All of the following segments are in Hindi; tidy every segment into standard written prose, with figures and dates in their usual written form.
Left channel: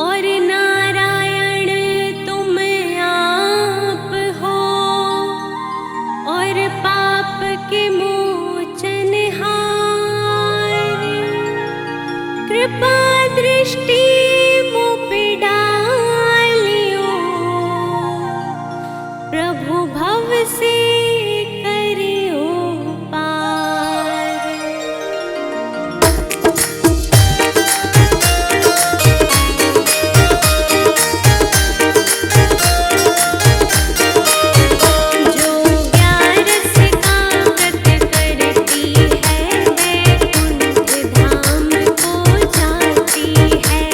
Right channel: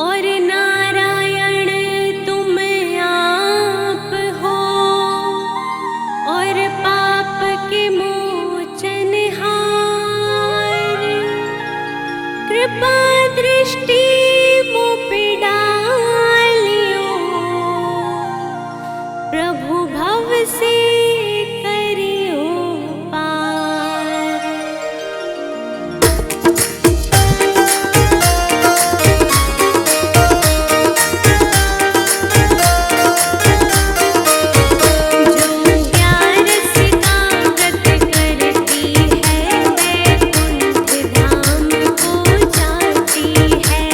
और नारायण तुम आप हो, और पाप के मोचनहार। कृपा दृष्टि मुझ पे डालियो, प्रभु भव से करियो पार। जो 11 का व्रत करती है, वैकुंठ धाम को जाती है।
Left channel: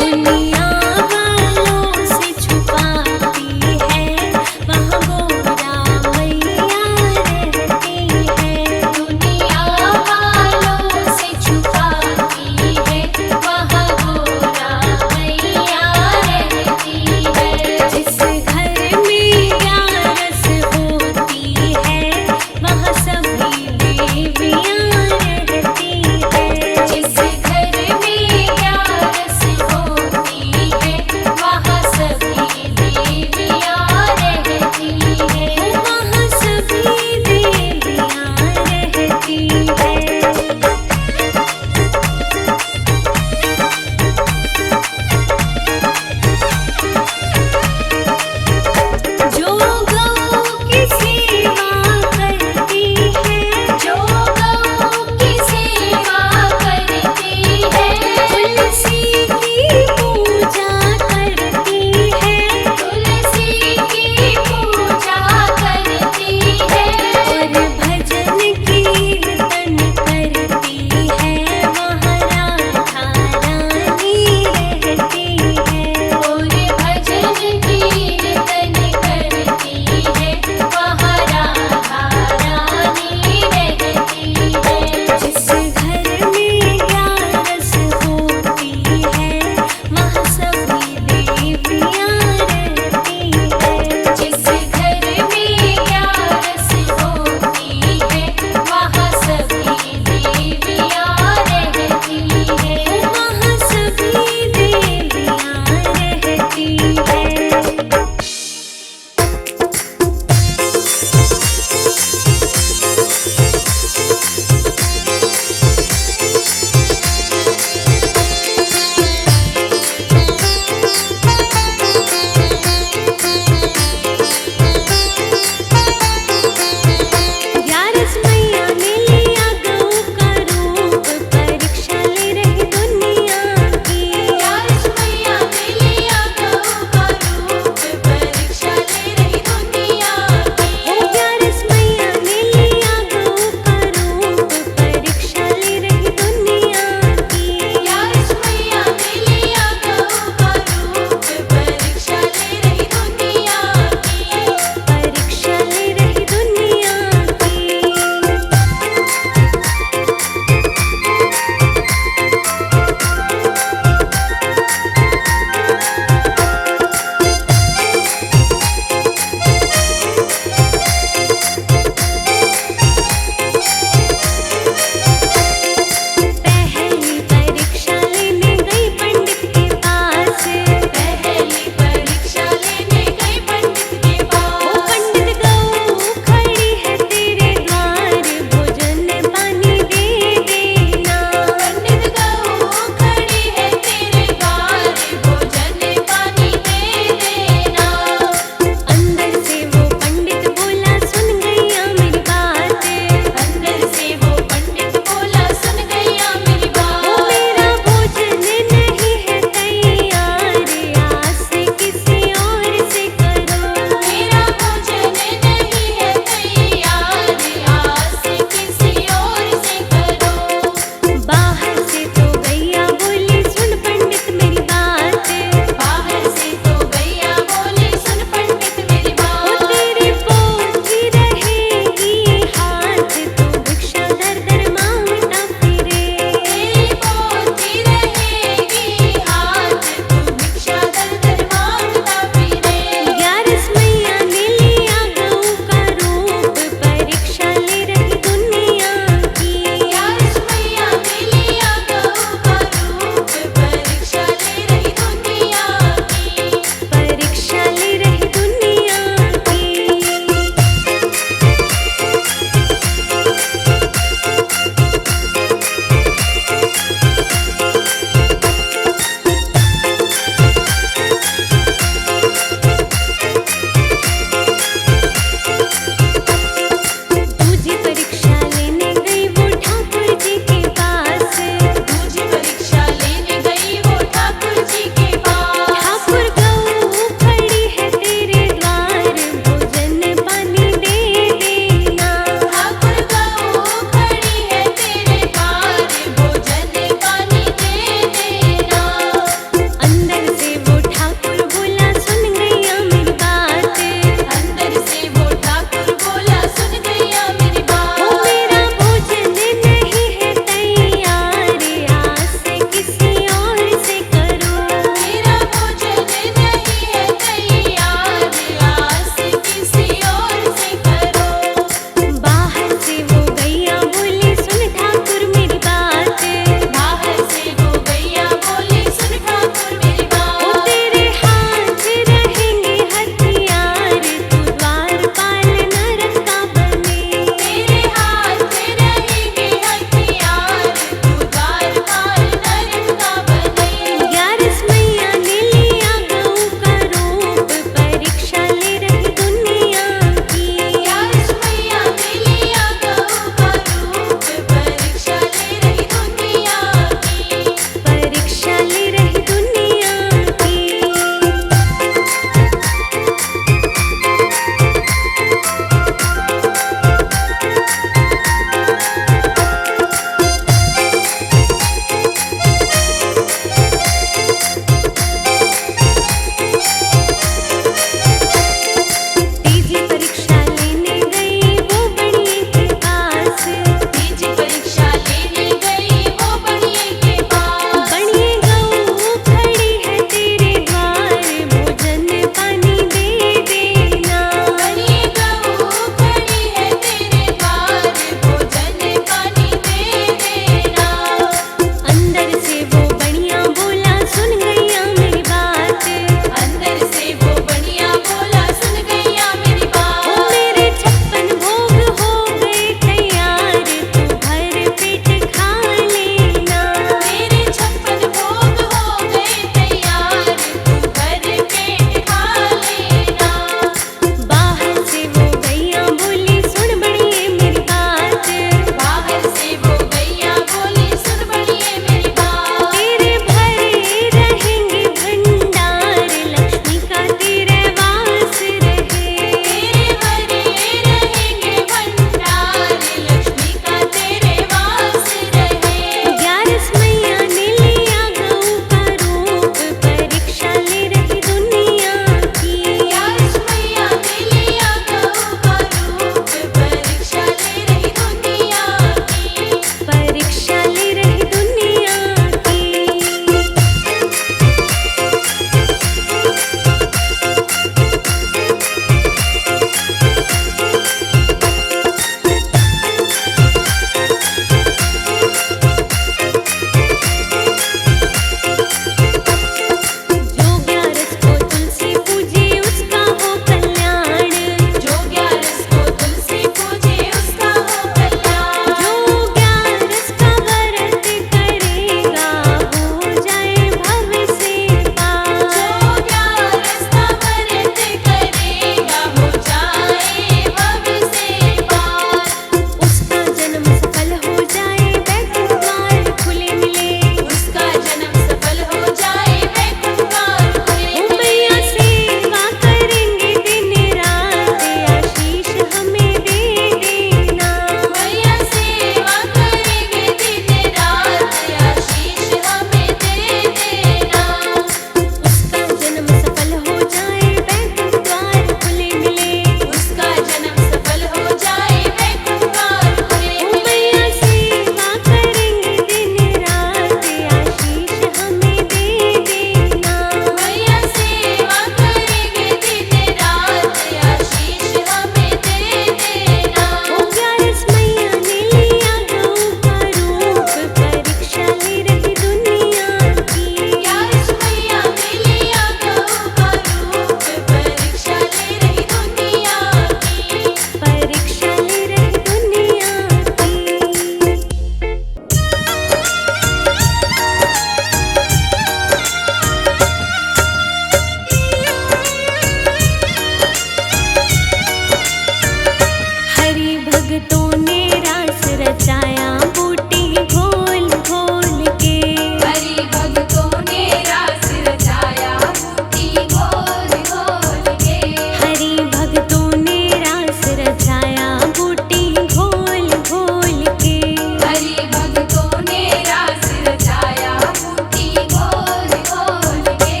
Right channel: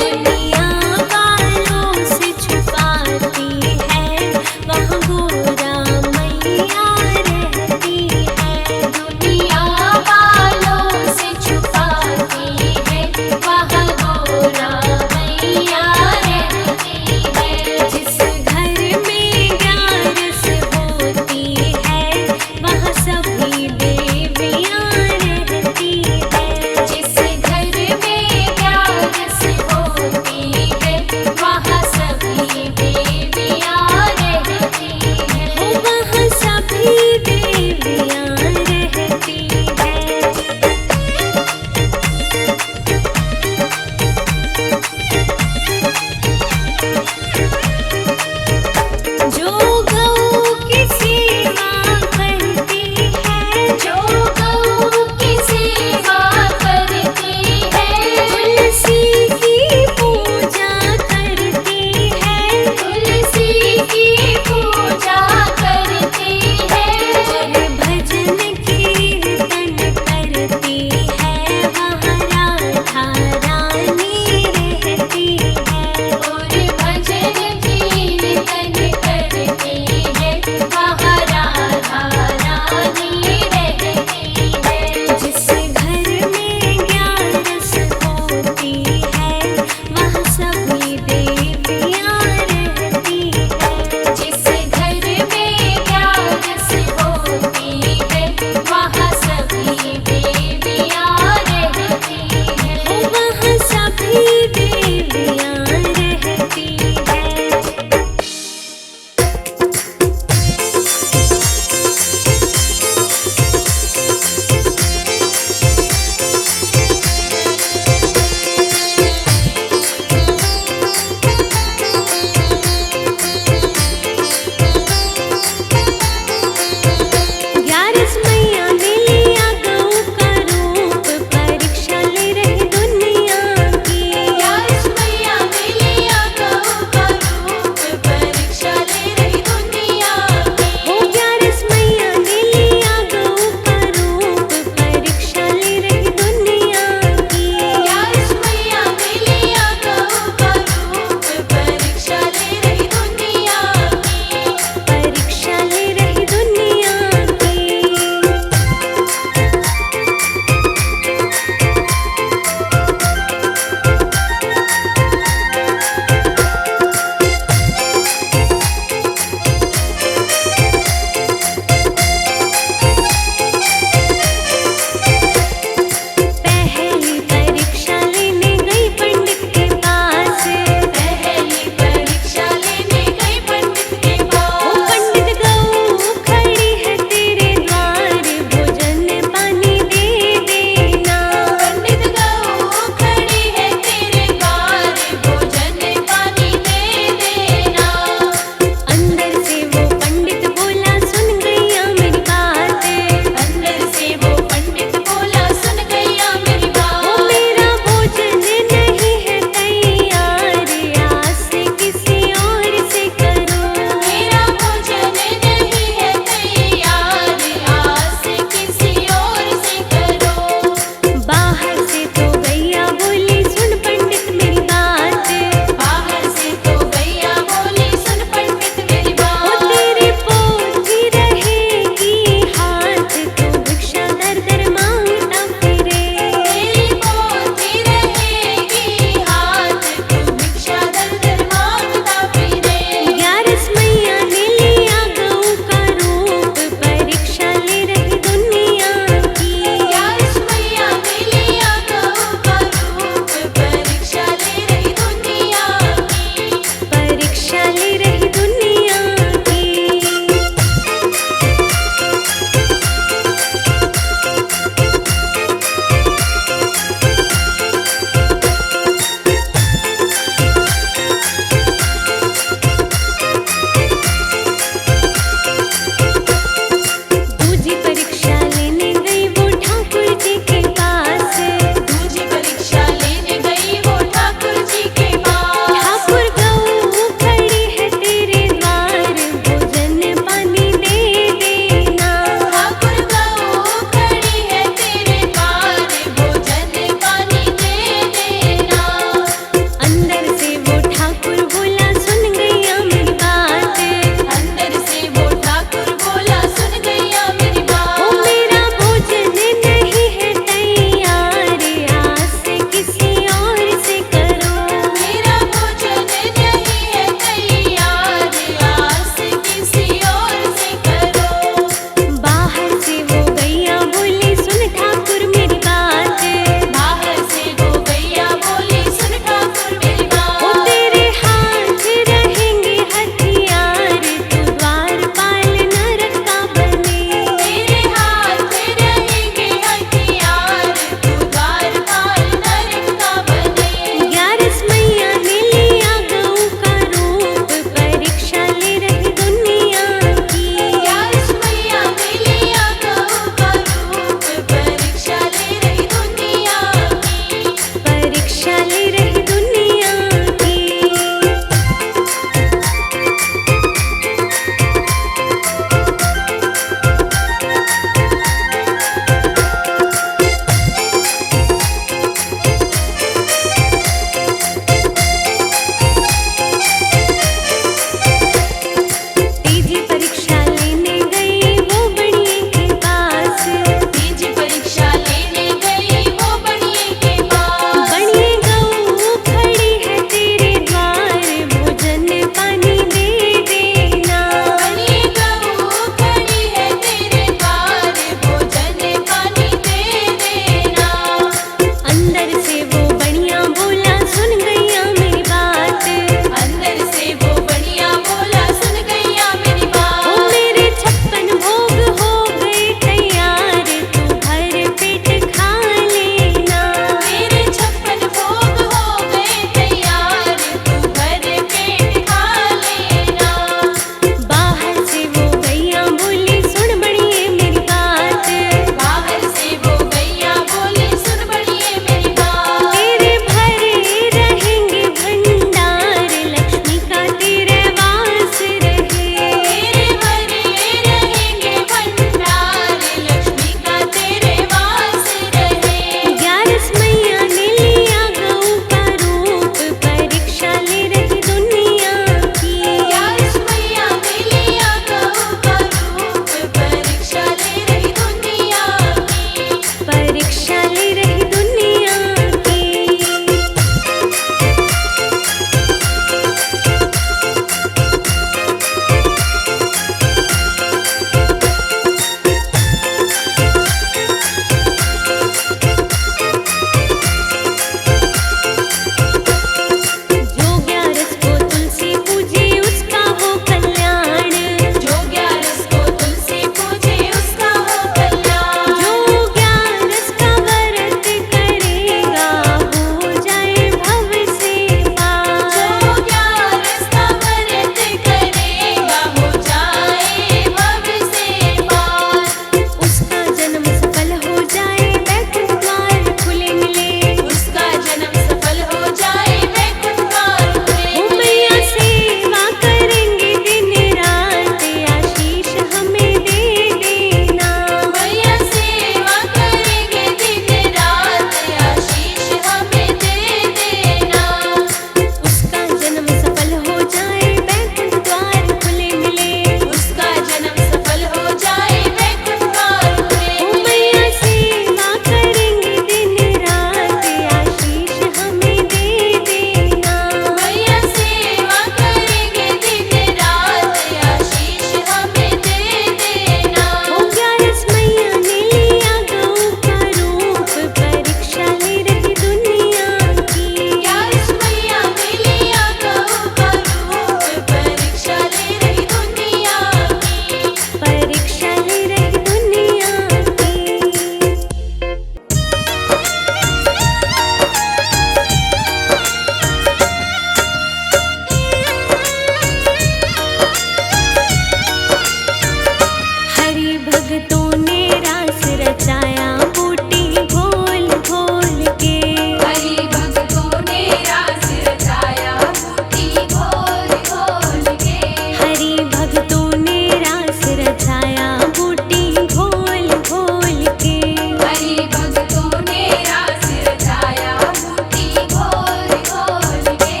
भक्तों ने रास रचाया बूटी घोल घोल के। हरि भक्तों ने रास रचाया बूटी घोल घोल के। हरि भक्तों ने रास रचाया बूटी घोल घोल के। हरि भक्तों ने रास रचाया बूटी घोल घोल के।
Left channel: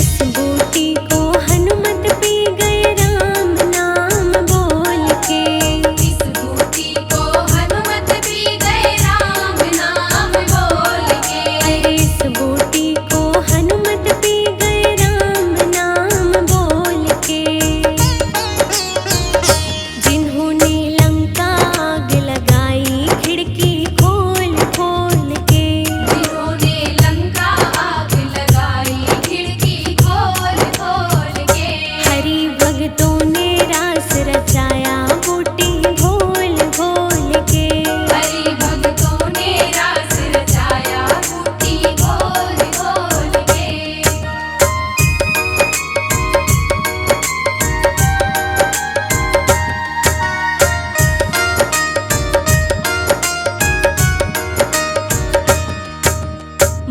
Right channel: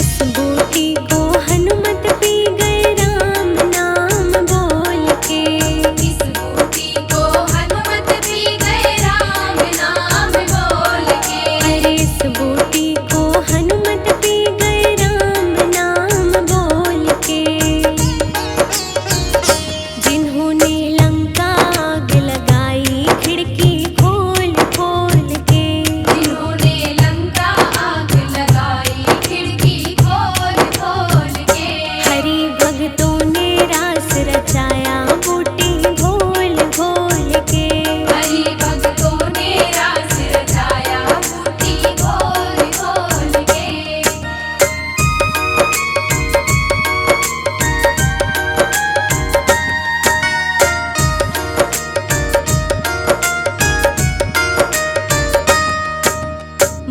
इस बूटी को हनुमत पी गए राम नाम बोल के। इस बूटी को हनुमत पी गए राम नाम बोल के। अरे इस बूटी को हनुमत पी गए राम नाम बोल के। जिन्होंने लंका आग लगाई खिड़की खोल खोल के। जिन्होंने लंका आग लगाई खिड़की खोल खोल के। हरि भक्तों ने रास रचाया बूटी घोल घोल के। हरि भक्तों ने रास रचाया बूटी घोल घोल के।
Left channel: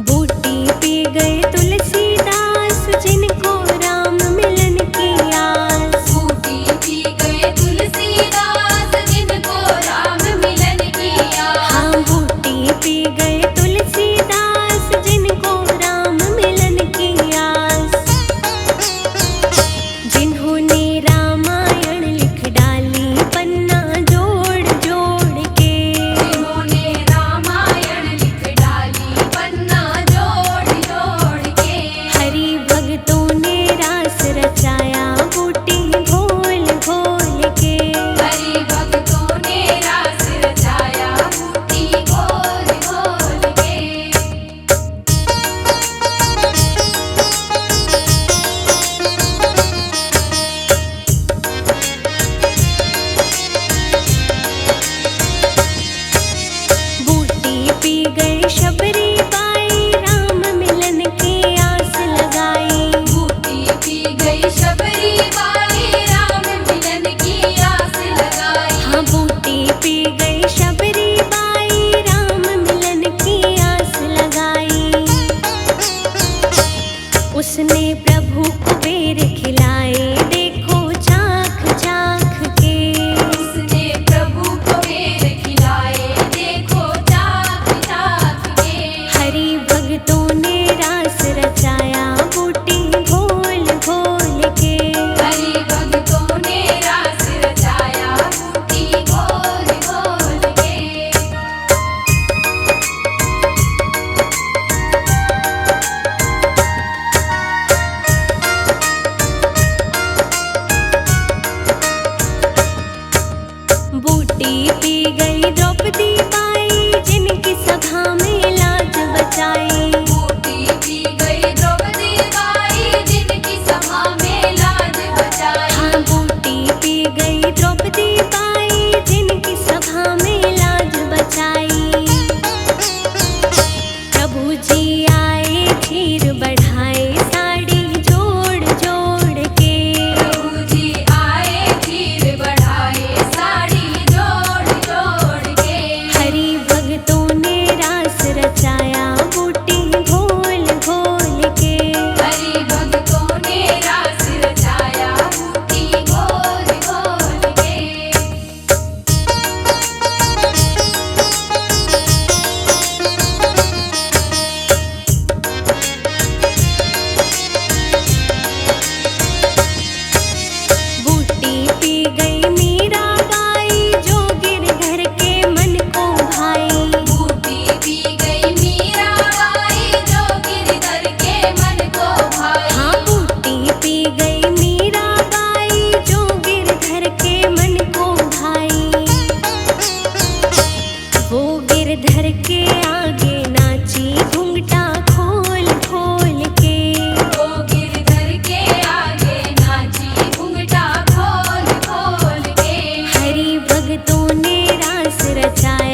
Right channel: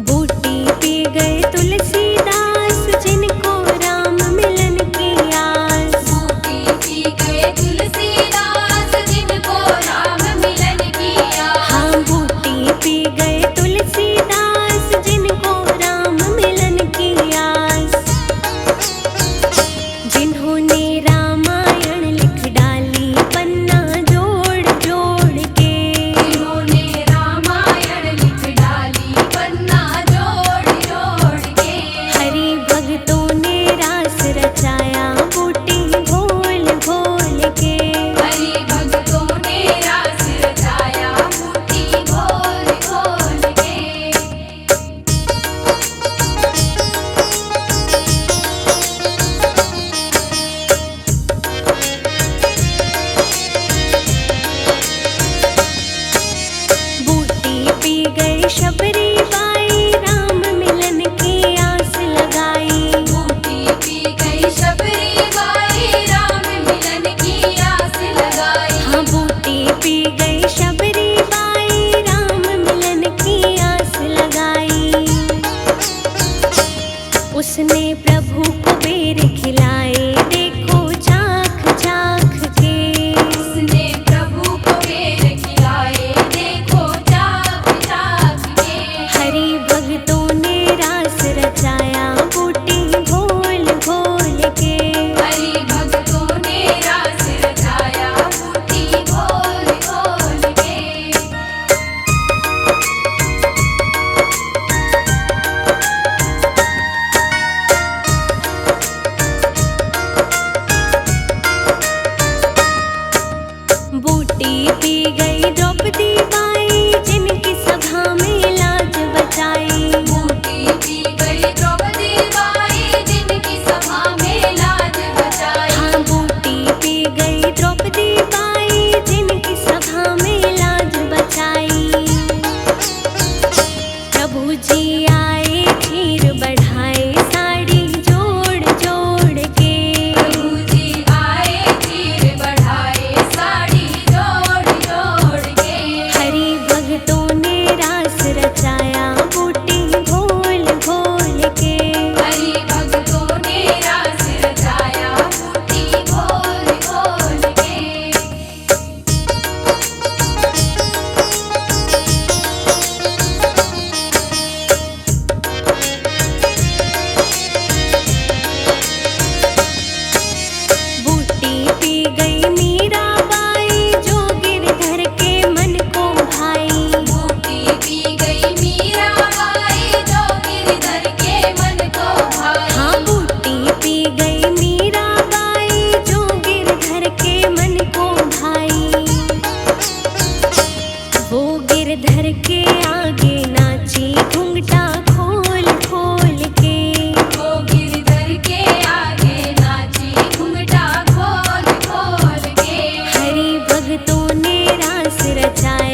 बूटी पी गए तुलसीदास जिनको राम मिलन की आस। बूटी पी गए तुलसीदास जिनको राम मिलन की आस। हाँ बूटी पी गए तुलसीदास जिनको राम मिलन की आस। जिन्होंने रामायण लिख डाली पन्ना जोड़ जोड़ के। जिन्होंने रामायण लिख डाली पन्ना जोड़ जोड़ के। हरि भक्तों ने रास रचाया बूटी घोल घोल के। हरि भक्तों ने रास रचाया बूटी घोल घोल के। बूटी पी गए शबरी बाई राम मिलन की आस लगाई। बूटी पी गई शबरी बाई राम मिलन की आस लगाई। हाँ बूटी पी गई शबरी बाई राम मिलन की आस लगाई। उसने प्रभु को बेर खिलाए देखो चाख चाख के। उसने प्रभु को बेर खिलाए देखो चाख चाख के। हरि भक्तों ने रास रचाया बूटी घोल घोल के। हरि भक्तों ने रास रचाया बूटी घोल घोल के। बूटी पी गई द्रौपदी बाई जिनकी सभा में लाज बचाई। बूटी पी गई द्रौपदी बाई जिनकी सभा में लाज बचाई। हाँ बूटी पी गई द्रौपदी बाई जिनकी सभा में लाज बचाई। प्रभु जी आए चीर बढ़ाए साड़ी जोड़ जोड़ के। प्रभु जी आए चीर बढ़ाए साड़ी जोड़ जोड़ के। हरि भक्तों ने रास रचाया बूटी घोल घोल के। हरि भक्तों ने रास रचाया बूटी घोल घोल के। बूटी पी गई मीराबाई जो गिरधर के मन को भाई। बूटी पी गई मीराबाई जो गिरधर के मन को भाई। हाँ बूटी पी गई मीराबाई जो गिरधर के मन को भाई। वो गिरधर के आगे नाची घूंघटा खोल खोल के। वो गिरधर के आगे नाची घूंघटा खोल खोल के। हरि भक्तों ने रास रचाया